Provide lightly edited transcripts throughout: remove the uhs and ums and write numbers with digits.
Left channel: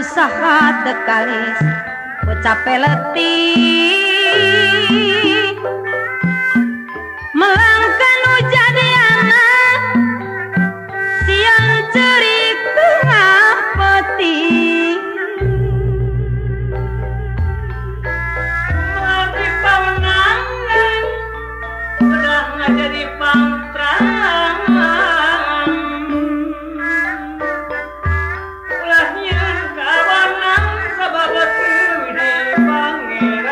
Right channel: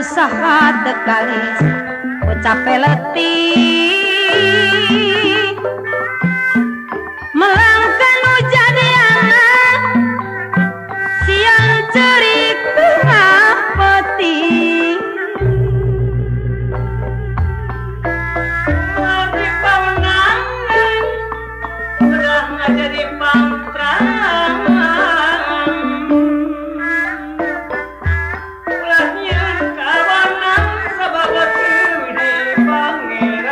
usaha dekais ucape letih melangkan ujadiana siang cerita peti di pawenangan udah jadi pangtran ulahnya kawanan sababat di pangeran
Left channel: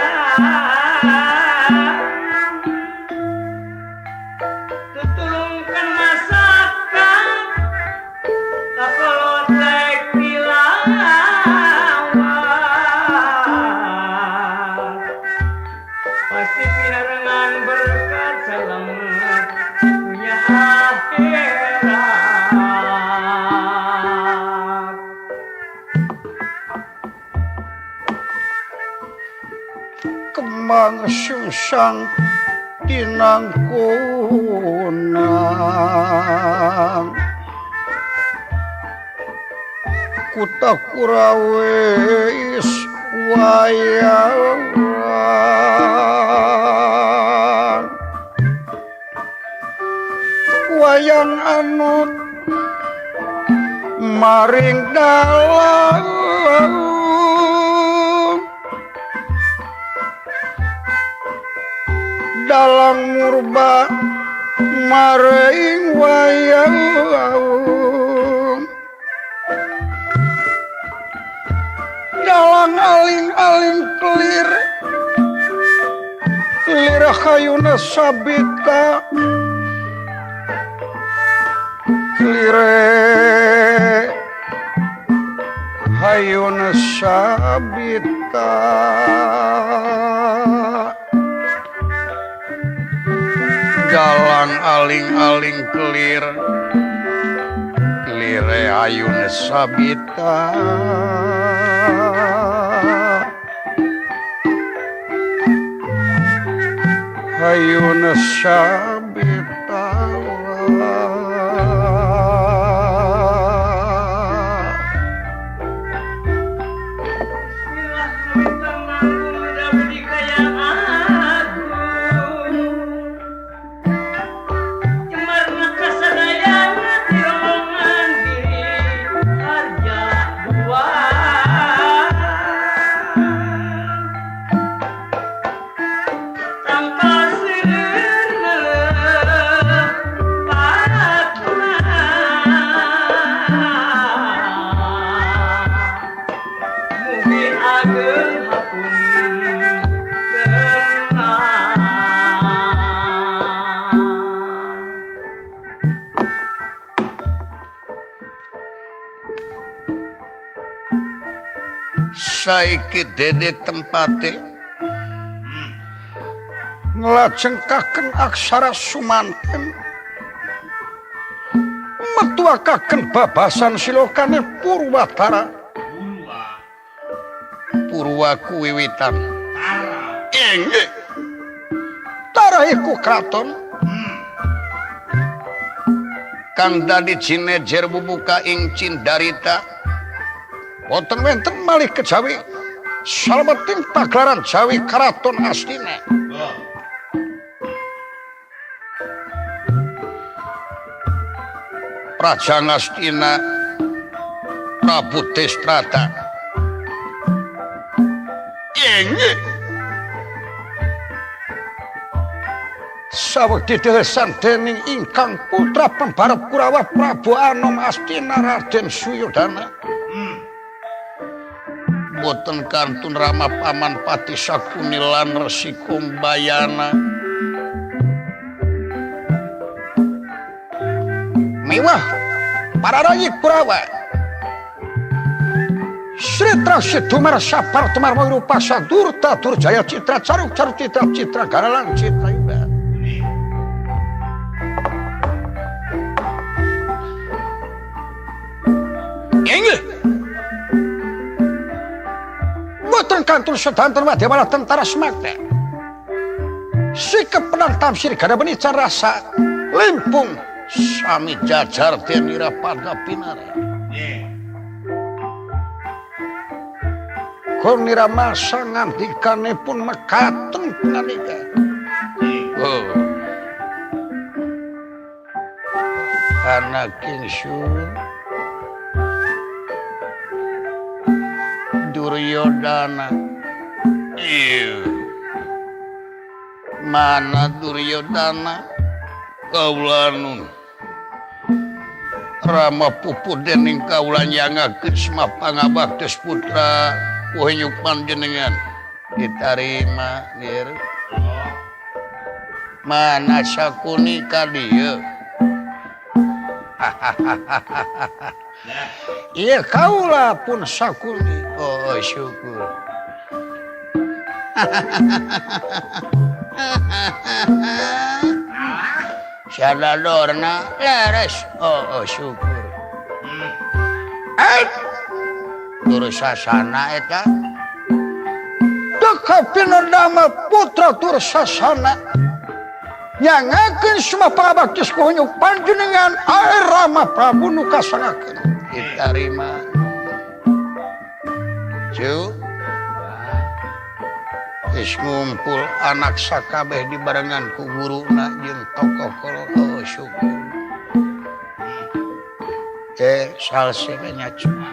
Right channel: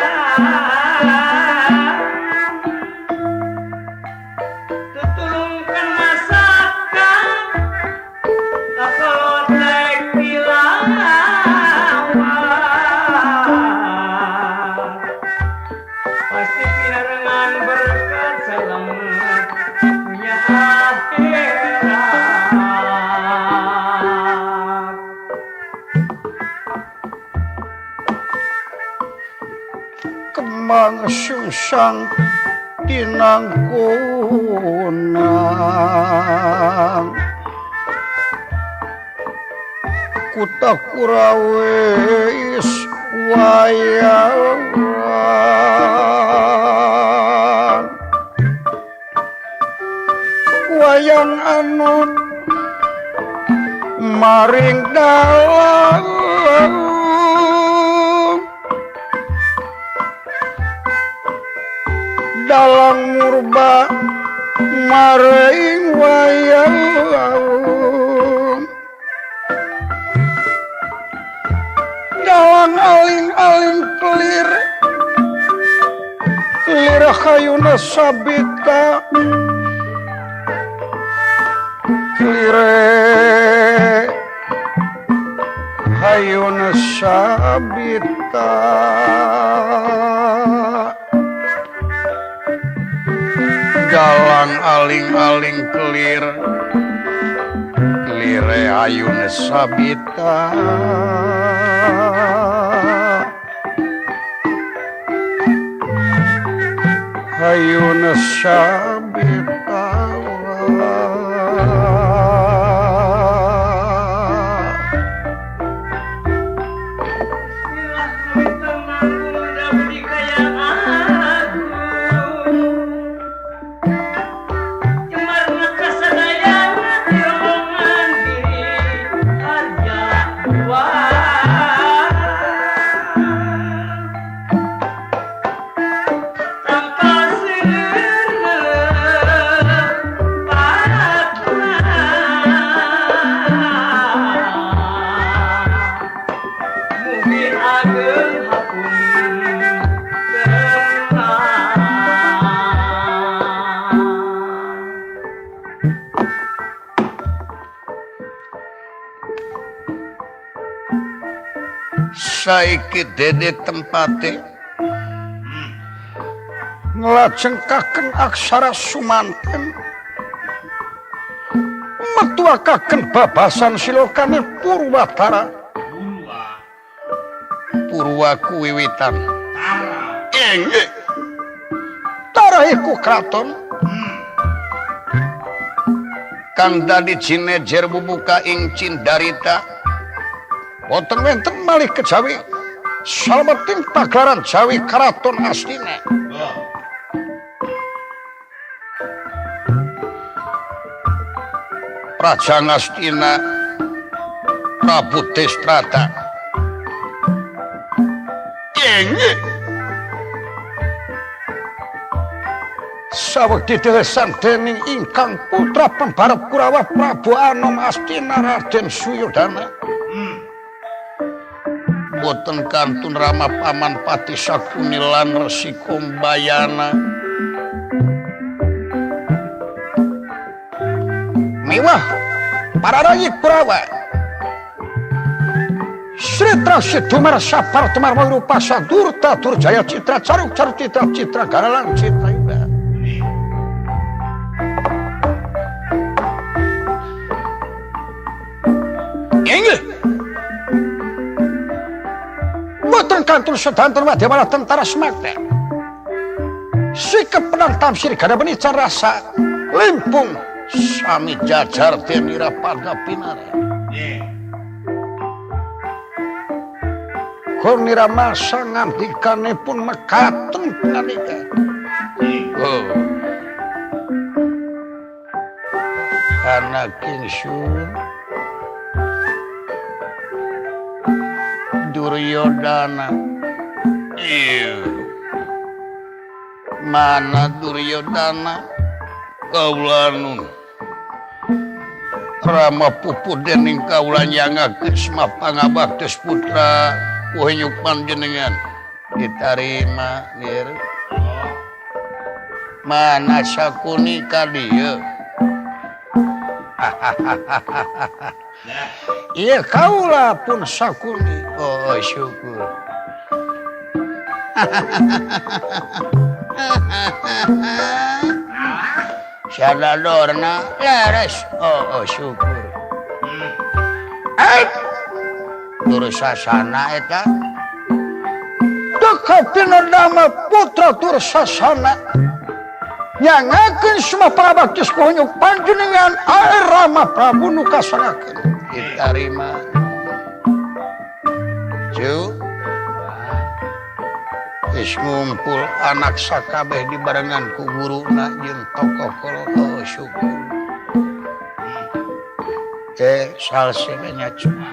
kemang sungsang tinangkunang kutak kurawis wayang anut maring dalang murba maring wayang dalang aling-aling kelir hayuna sabita kelire hayuna sabita jalan aling-aling kelir kelire hayuna sabita hayuna sabita saiki dede tempate nglajengkaken aksara sumanten metuakaken babasan silokane Purwatara Purwaku wiwitan inggih Tara iku kraton kang dadi jinejer bubuka ing Cindarita wonten wenten malih kejawi salebeting pagelaran Jawi Karaton Astina. Praja Astina Prabu Destrata. Inggih. Sawegdi dewesan dening ingkang putra pembarep Kurawa Prabu Anom Astina Raden Suyodana. Boten kantun Rama Paman Pati Sakuni lan Resi Kumbayana miwah para rayi Kurawa Sri Trasi Dumar Sapar Tumar Wirupa Sadurta Durjaya Citra Caruk Caruk Citra Citra Garalang Citra Yuda inggih boten kantun sedanten wadya tentara semakna sikep penang tamsir gada benican rasa limpung sami jajar denira pada pinara konira masa ngambikane pun mekaten punanika anak ingsun Duryodana mana Duryodana kaulanun Rama pupu dening kaulan nyangakeun semapangabates putra kuhenyuk panjenengan ditarima nyer mana Sakuni ka dieu iya kaula pun Sakuni oh syukur sadadorna leres oh syukur Durusasana eta Dama putra Tursasana nyangakeun semua pangabaktis kunyuk panjenengan air Rama Prabu nu kasanakeun ditarima Ju geus ngumpul anak sakabeh dibarengan ku guruna jeung tokoh kolot syukur salsenya cuma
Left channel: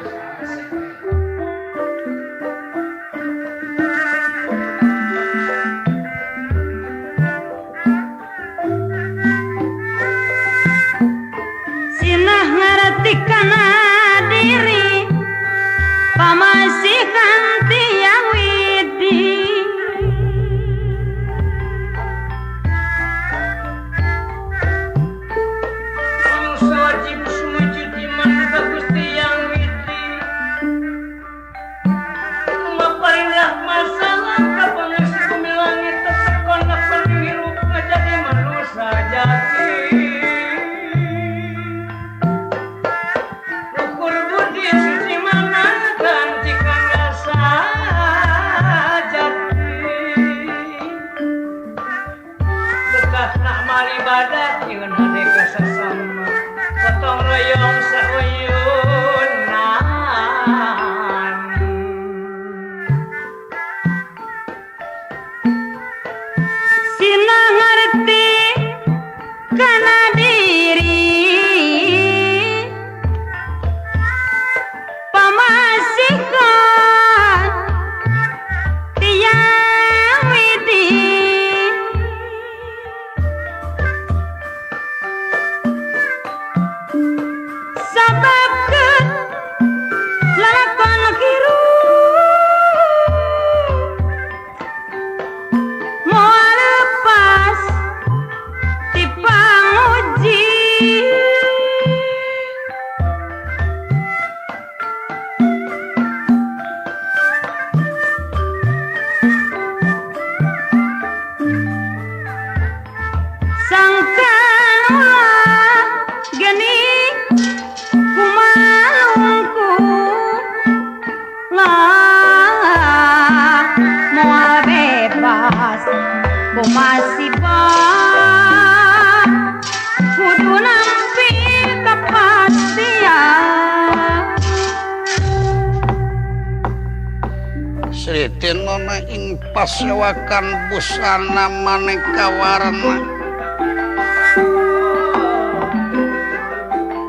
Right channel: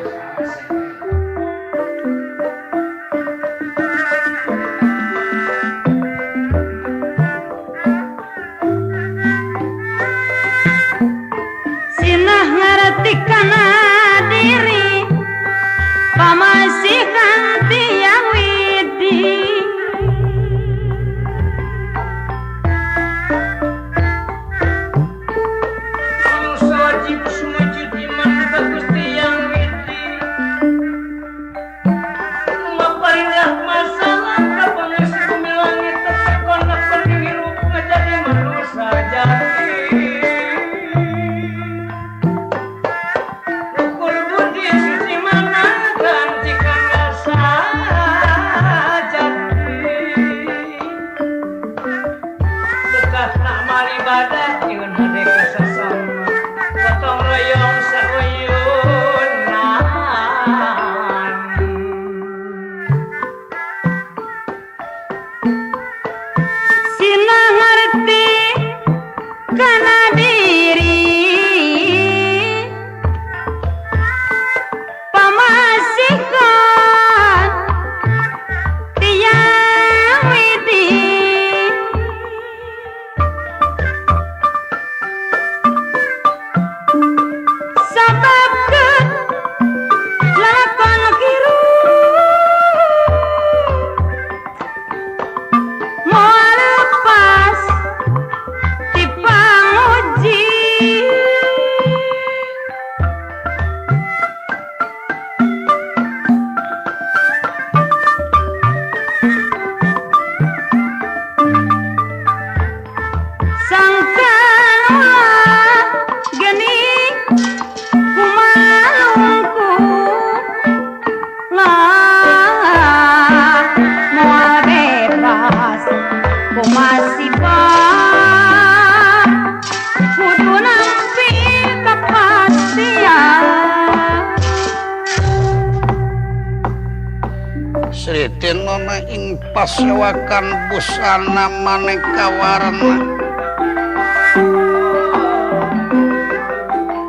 Sritinona ing pasewakan busana maneka warna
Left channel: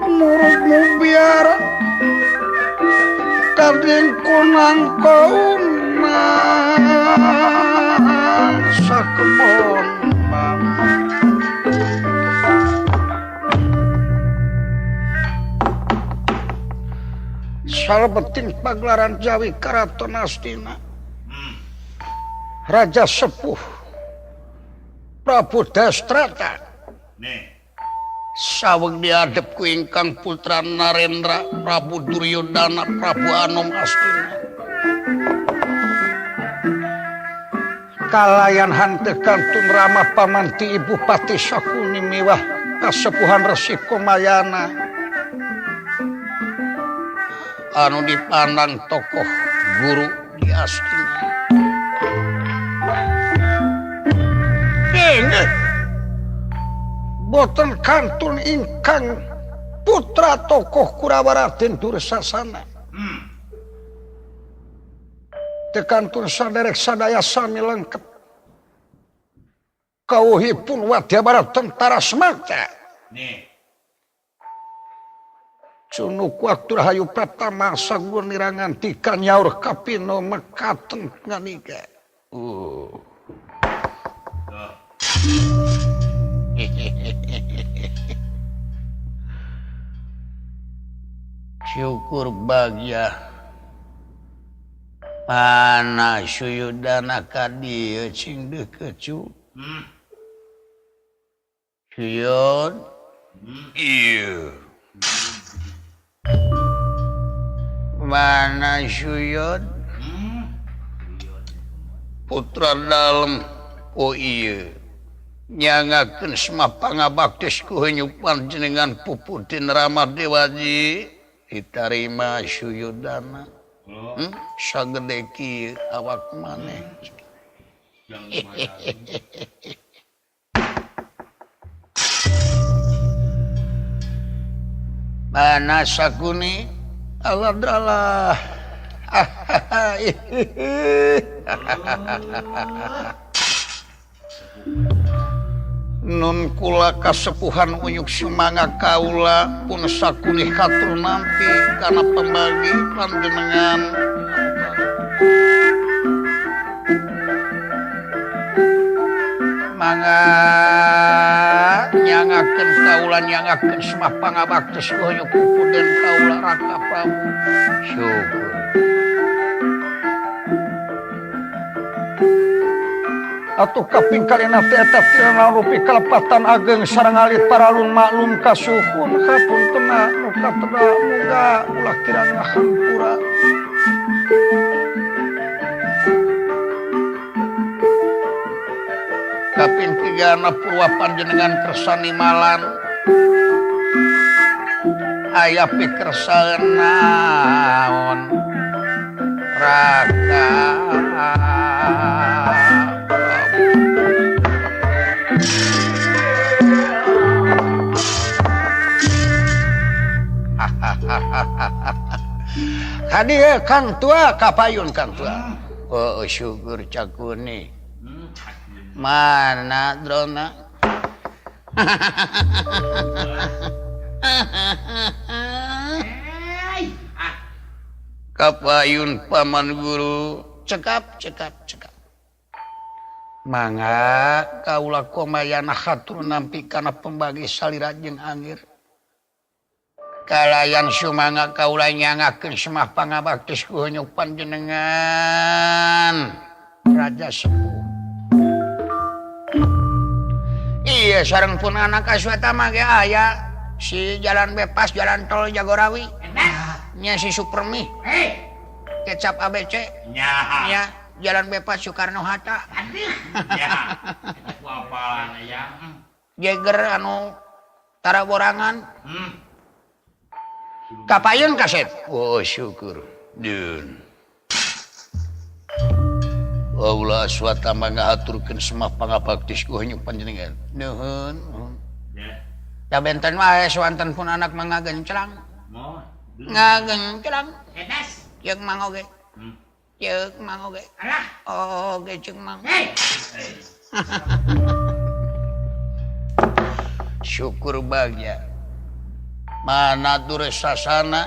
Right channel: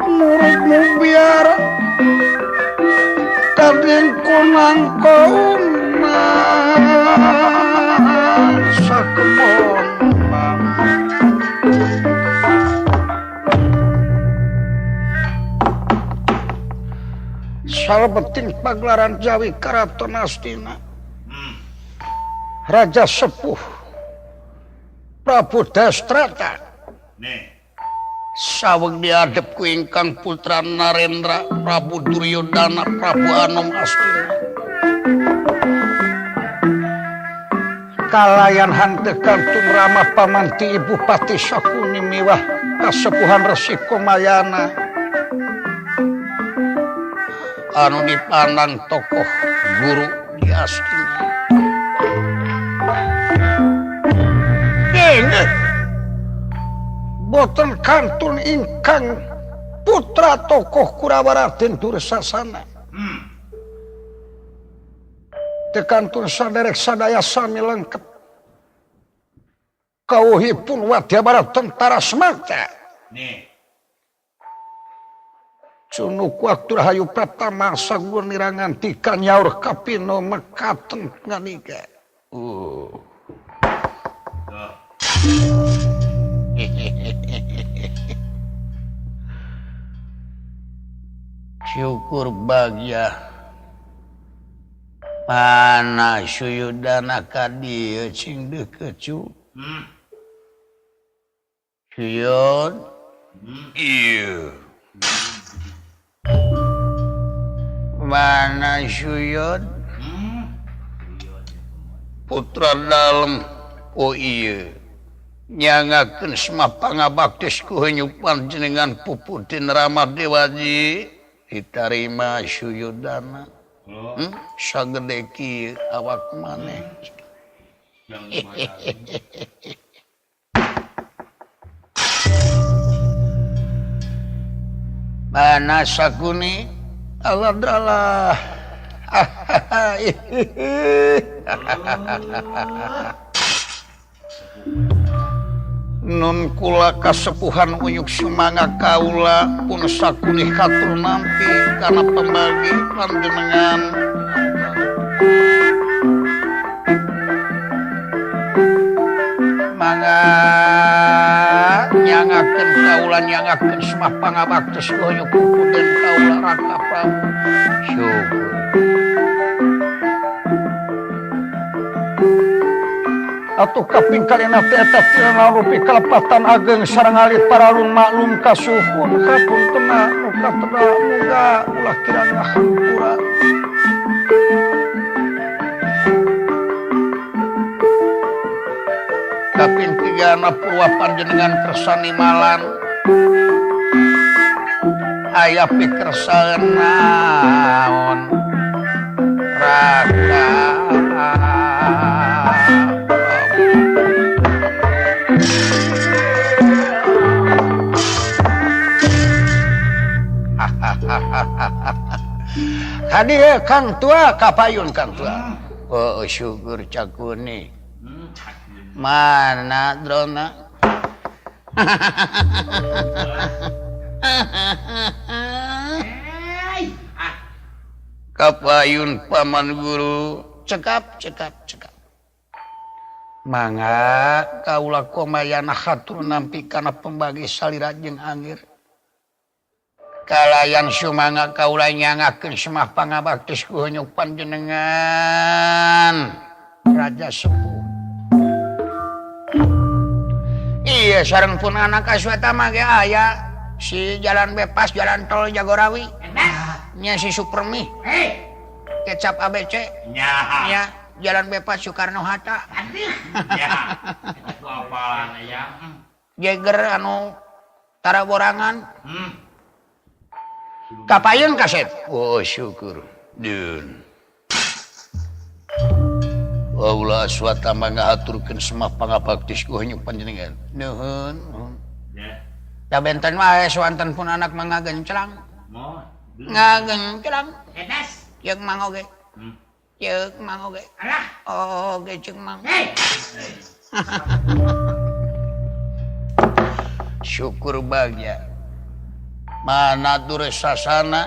muridmu biar kadin kunang kauna sakebon salebeting pagelaran Jawi Karaton Astina Raja Sepuh Prabu Dastrata saweg diadep ku ingkang putra Narendra Prabu Duryodana Prabu Anom Astina kalayan hante kantun Rama pamanti Ibu Pati Sakuni miwah kasepuhan Resi Komayana anu dipandang tokoh guru di Astina boten kantun ingkang putra tokoh Kurawa Raden Dursasana tekantun saderek sadaya sami lengkap kawuhipun wadya barat tentara semata Cunuk waktu rahayu pratama sanggur nirangan tika nyaur kapino mekaten nganika syukur bagya pana Suyudana kadieu sing dekecu Suyud iya mana Suyud putra dalem oh iya nyangakeun semua pangabaktis ku heunyuk panjenengan Puputin Rama Dewaji ditarima Suyudana sagede kieu awak maneh. Mana sakuni Allah nun kula kasepuhan uyuk sumanga kaula pun sakuni katur nampi kana pembagi panjenengan mangga nyangakeun kaula nyangakeun semah pangabaktos uyuk kuden kaula Raka Prabu syukur atuh kaping kalina teh eta tina rupi kalepatan ageng sareng alit paralun maklum kasuhun kapuntena nu kateda muga ulah kirana hampura kaping tigana purwa panjenengan kersani malan aya pikersaan naon Raka Hadi Kang Tua kapayun Kang Tua. Oh syukur cakuni. Mana drona? Kapayun paman guru cekap. Mangga kaula komayana hatur nampi kana pembagi salira jeung angir. Kalayan sumanga kaula nyangakeun semah pangabaktos ku heunyuk panjenengan Raja Sepuh. Iya sareng pun anak aswata mah ge aya si jalan bebas jalan tol Jagorawi. Nya si Supermi. Kecap ABC. Nya jalan bebas Soekarno Hatta. Jeger anu taraborangan. Kapayun kasep. Oh syukur. Dun. Kaula aswata mangga aturkeun semah pangabaktis ku heunyuk panjenengan. Nuhun. Da benten wae sawanten pun anak mangagenclang. Ngagenclang. Edas. Jeung mang oge. Ceuk mang oge. Alah. Oge ceuk mang. Syukur bahagia. Mana Dursasana?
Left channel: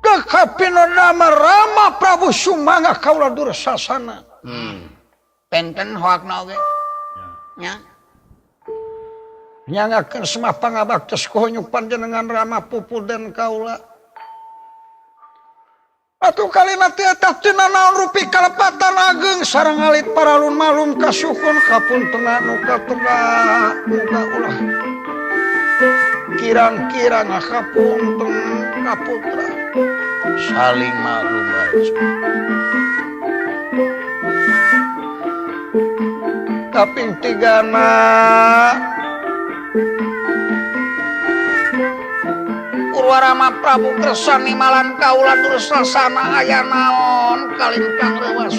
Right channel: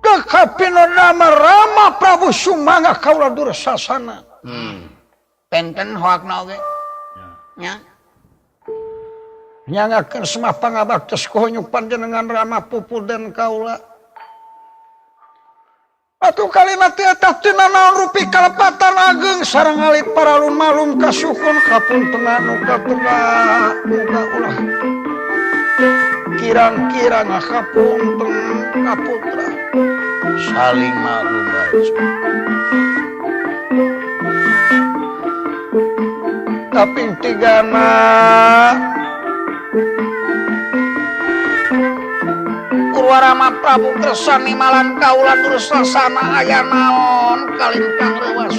Kekapina nama Rama Prabu Sumangga kaula Dursasana. Tenten hoakna oge. Nya. Nyangakeun semah pangabaktos ku heunyuk panjenengan Rama Pupuden kaula. Atuh kalina teh eta tina naon rupi kalepatan ageng sareng alit paralun malum kasukun kapuntenna nu kateda muga ulah kirang-kirang kapunten kaputra saling malum bae. Kaping tigana Purwarama Prabu kersani malan kaula Dursasana aya naon kalintang rewas.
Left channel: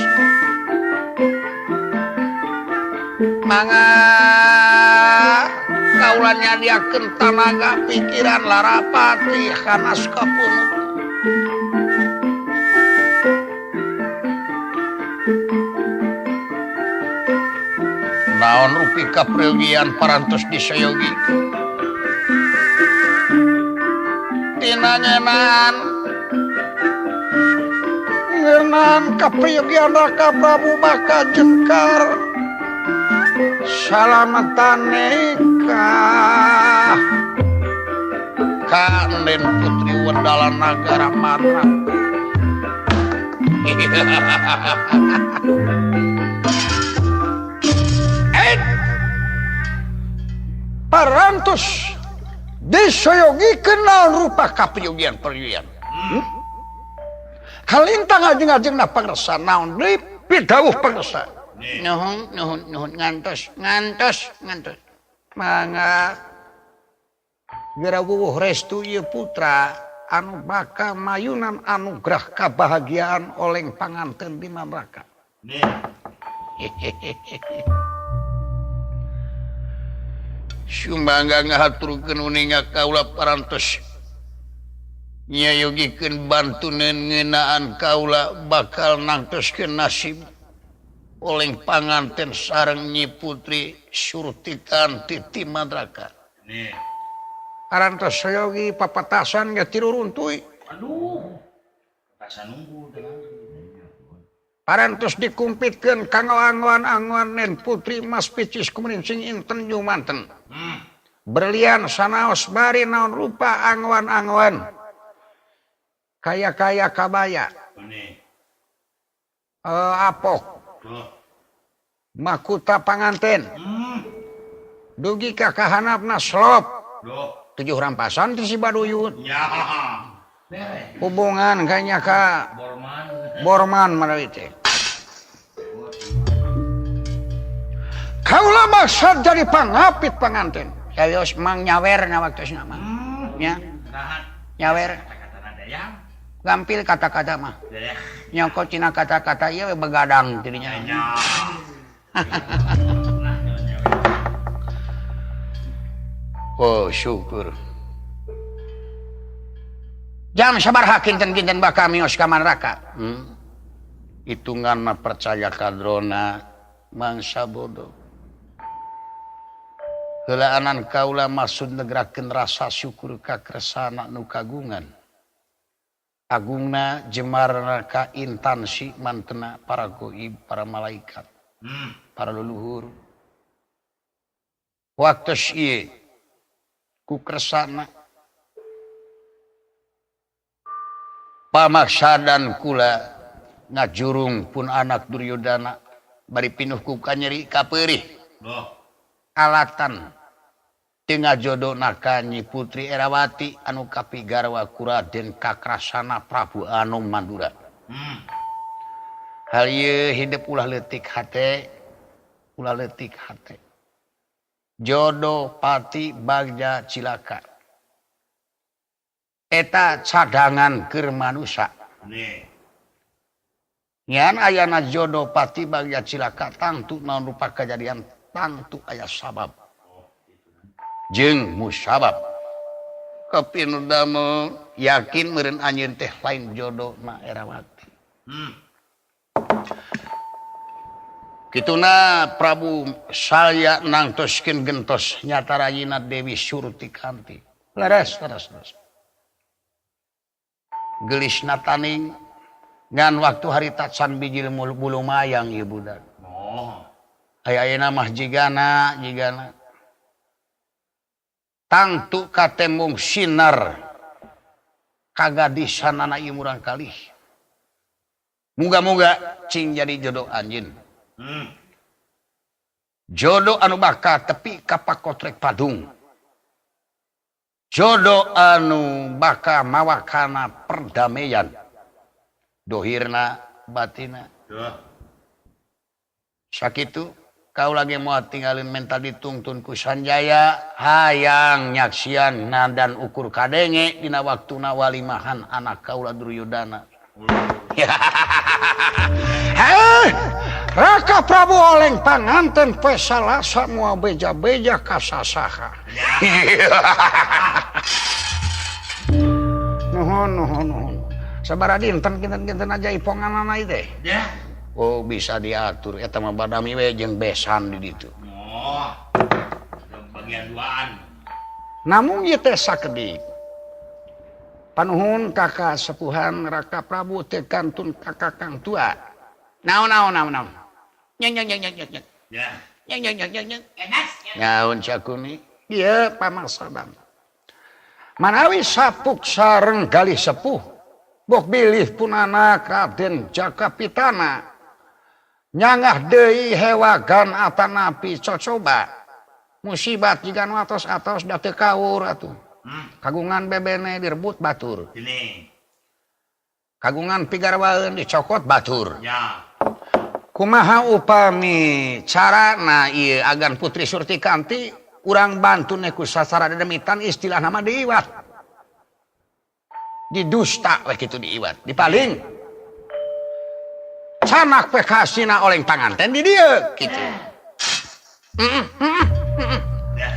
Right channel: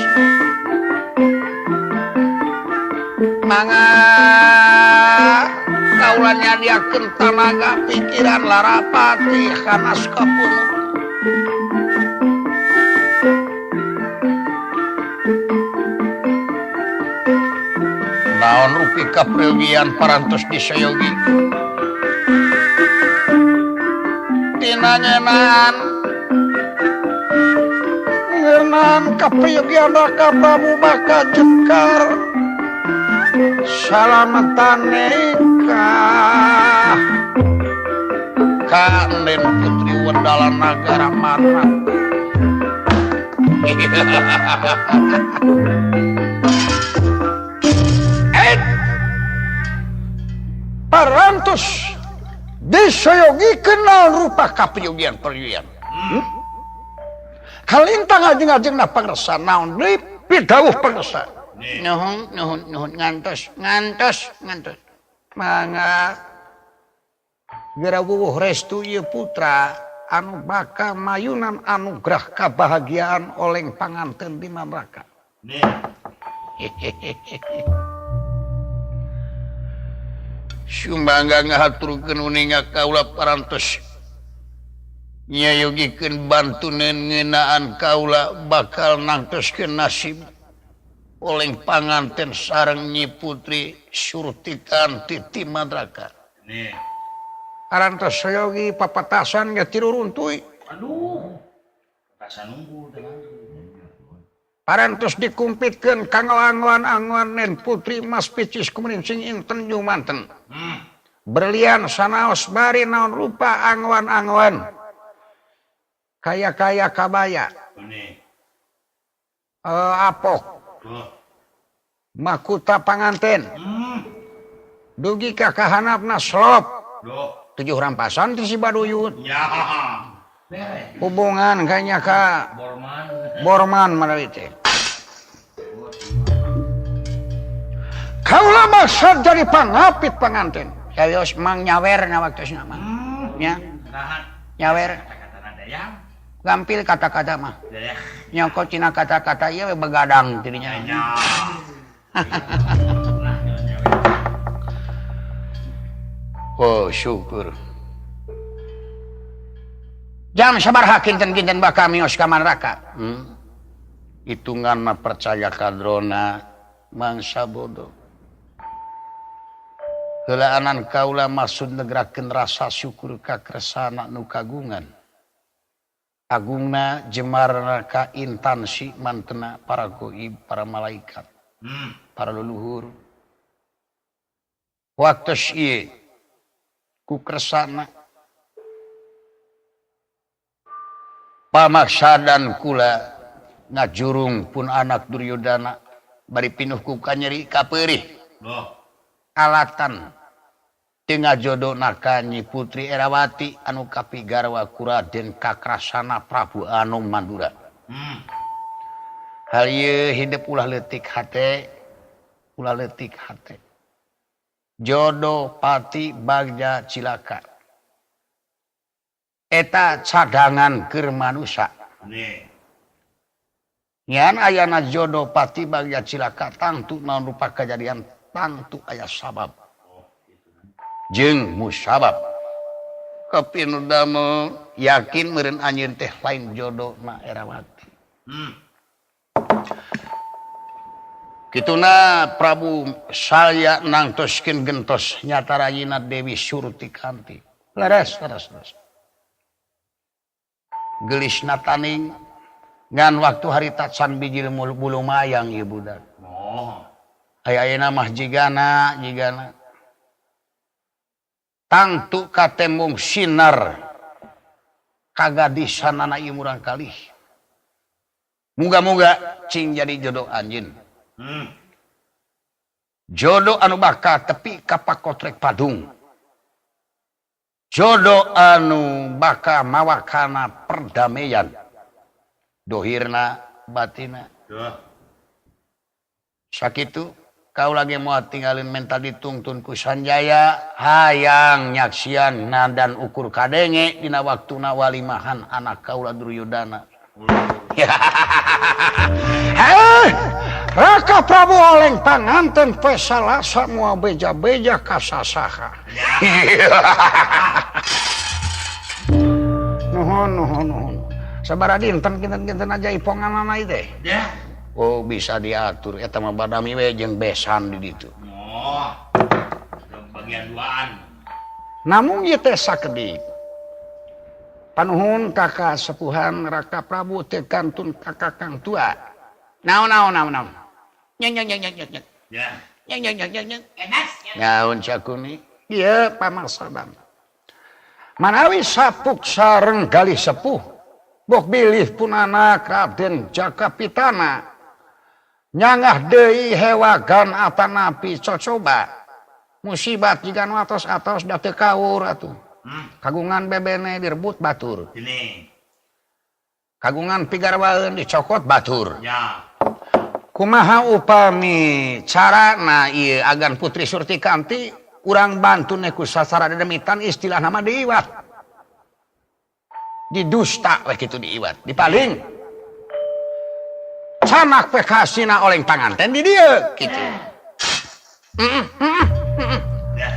Mangga kaula nyadiakeun tanaga pikiran larapati kana sapunuk. Naon rupi kapregian parantos disayogi. Ngeunaan kaprayogian Raka Prabu Baka Jekar salametane ka Enden Putri Wendala Nagara Mara. Parantos disayogi kenal rupa kaprayogian-prayogian. Kalintang ajeng-ajengna pangresa naon deui pidawuh pangresa. Nuhun ngantos. Mangga geura wuwuh restu ieu putra anu bakal mayunan anugerah kebahagiaan oleh panganten di neraka. Sumangga ngahaturkeun uninga kaula parantos nyayogikeun bantuneun ngeunaan kaula bakal nangtoskeun nasib oleh panganten sareng Nyi Putri Surtikanti ti neraka. Parantos sayogi papatasan ge tiru runtuy. Aduh. Patasan nunggu dengan. Parantos dikumpitkeun kangoan-angoan nen Putri Mas Picis kumrincing inten jumanten. Berlian sanaos bari naon rupa angoan-angoan. Kaya-kaya kabaya. Apok. Makuta panganten. Dugi ka kahanapna slop. 7 rampasan ti si Baduyut. Ya. Hubungan kayaknya ka Borman menawi teh. Kaula maksud jadi pangapit panganten. Kayos mang nyawer ngawaktosna mah. Nya. Nyawer. Gampil kata-kata mah. Nyokot tina kata-kata ieu begadang tidinya. Oh, syukur. Jam sabaraha kinten-kinten bakal mios ka neraka. Hitungan mah percaya kadrona mangsa bodoh. Heulaanan kaula maksud negrakeun rasa syukur ka kersana nu kagungan. Agungna jemar ka intansi mantena para goib, para malaikat, para leluhur. Waktos ieu ku kersana pamaksadan kula ngajurung pun anak Duryodana bari pinuh ku kanyeri kapeurih alatan tinggal jodoh ka Nyi Putri Erawati anu kapigarwa ku Raden Kakrasana Prabu Anom Mandura. Hal ieu hidup ulah leutik hate, jodoh pati bagja cilaka. Eta cadangan keur manusia. Nyan ayana jodoh pati bagja cilaka tangtu naon rupa kejadian tangtu aya sabab. Jeung musabab. Kapinu damel yakin meureun anjeun teh lain jodohna Erawati. Kituna Prabu saya nangtoskeun gentos nyata rayina Dewi Surtikanti. Leres. Gelisna taning ngan waktu harita can bijil bulu mayang ieu budak. Aya-ayana mah jigana. Tangtu katemung sinar kagadisan anak ieu murang kalih. Muga-muga cing jadi jodoh anjeun. Jodoh anu bakal tepi ka pakotrek padung. Jodoh anu bakal mawa kana perdamaian. Dohirna batina. Sakitu kau lagi mau tinggalin mental ditungtun ku Sanjaya hayang nyaksian nadan ukur kadenge dina waktuna walimahan anak kaula Duryodana. Raka Prabu oleng panganten pesalasa mua beja-beja kasasaha. Nuhun. Sabaraha dinten kinten aja iponganana ieu teh. Oh bisa diatur eta mah badami we jeung besan di ditu. Bagian duaan. Namun ieu teh sakedi. Panuhun kakak sepuhan Raka Prabu teh kantun kakak kang tua. Naon. Nyeng. Ya. Nyeng. Nyaun sakuni. Ieu pamaksadan. Manawi sapuk sareng galih sepuh. Bok bilih punana Raden Jakapitana. Nyangah deui hewagan atanapi cocoba. Musibat jiga nu atos-atos da teu kaur atuh. Kagungan bebene direbut batur. Kagungan pigarwaeun dicokot batur. Ya. Kumaha upami carana ieu agan Putri Surtikanti urang bantune ku sasara dedemitan istilah nama diiwat. didusta we kitu diiwat dipaling sanak we kasina oleh panganten di dieu kitu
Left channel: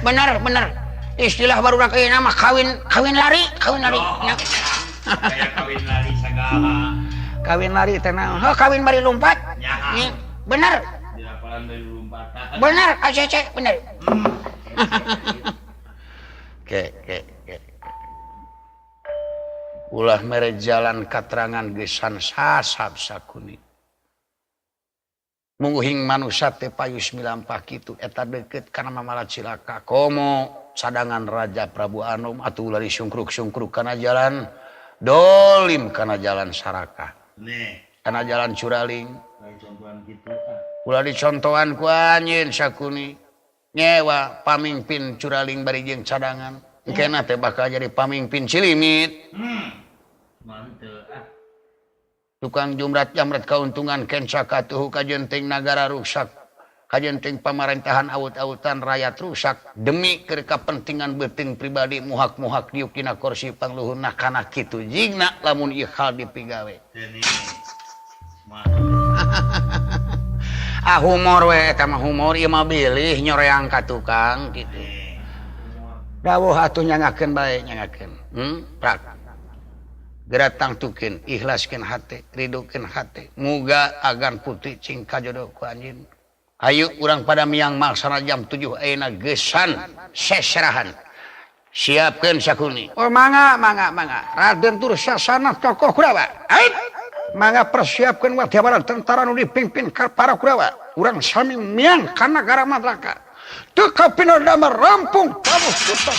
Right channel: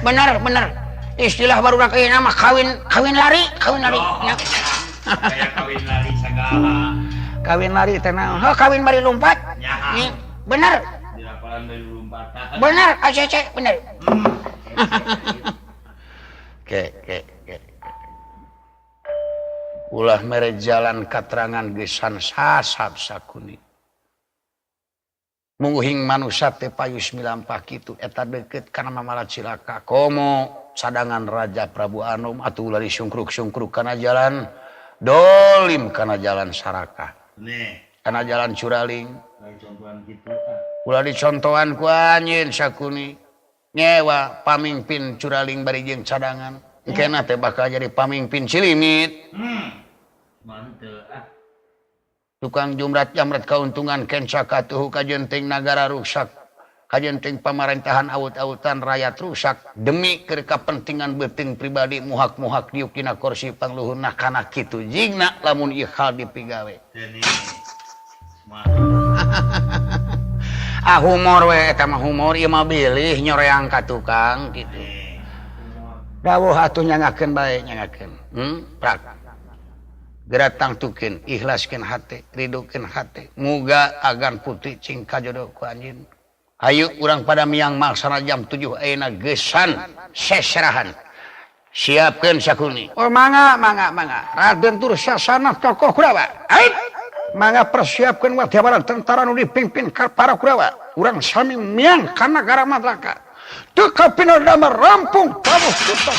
bener istilah baru ieu mah kawin lari nya. Saya kawin lari segala. Kawin lari teh naon kawin bari lompat Nyaha. bener Di lapangan dari lompatan. bener acece bener Oke. Ulah mere jalan katerangan gesan sasab sakuni. Mungguhing manusia teh payus milampah kitu eta deukeut kana mamalat cilaka. Komo cadangan Raja Prabu Anom atuh lari sungkruk-sungkruk kana jalan dolim kana jalan Saraka. Nih, Kana jalan Curaling. lain contohan gitu. Ulah dicontohan ku anjeun sakuni. Nyewa pamimpin Curaling bari jeung cadangan. Engkena teh bakal jadi pamimpin Cilimit. Manteu Tukang jumrat jamret kauntungan kenca katuhu kajenting nagara rusak. Kajenting pemerintahan awut-awutan rakyat rusak. Demi keur kapentingan beuting pribadi muhak-muhak yukina kursi pangluhurna kana kitu jigna lamun ieu hal dipigawe. Ini. Humor we eta mah humor ieu mah bilih nyoreang ka tukang kitu. Dawuh atuh nyangakeun bae nyangakeun. Prak. Geratang tukeun ikhlaskeun hate, ridokeun hate. Muga agan putih cing kajodoh ku anjeun. Ayo urang pada miang maksana jam 7 ayeuna gesan seserahan. Siapkeun sakuni. Oh mangga. Raden Dursasana tokoh Kurawa. Ayo. Mangga persiapkeun wadiabaran tentara nu dipimpin ka para Kurawa. Urang sami miang ka nagara Madlaka. Teu kapina damar rampung Prabu Suta.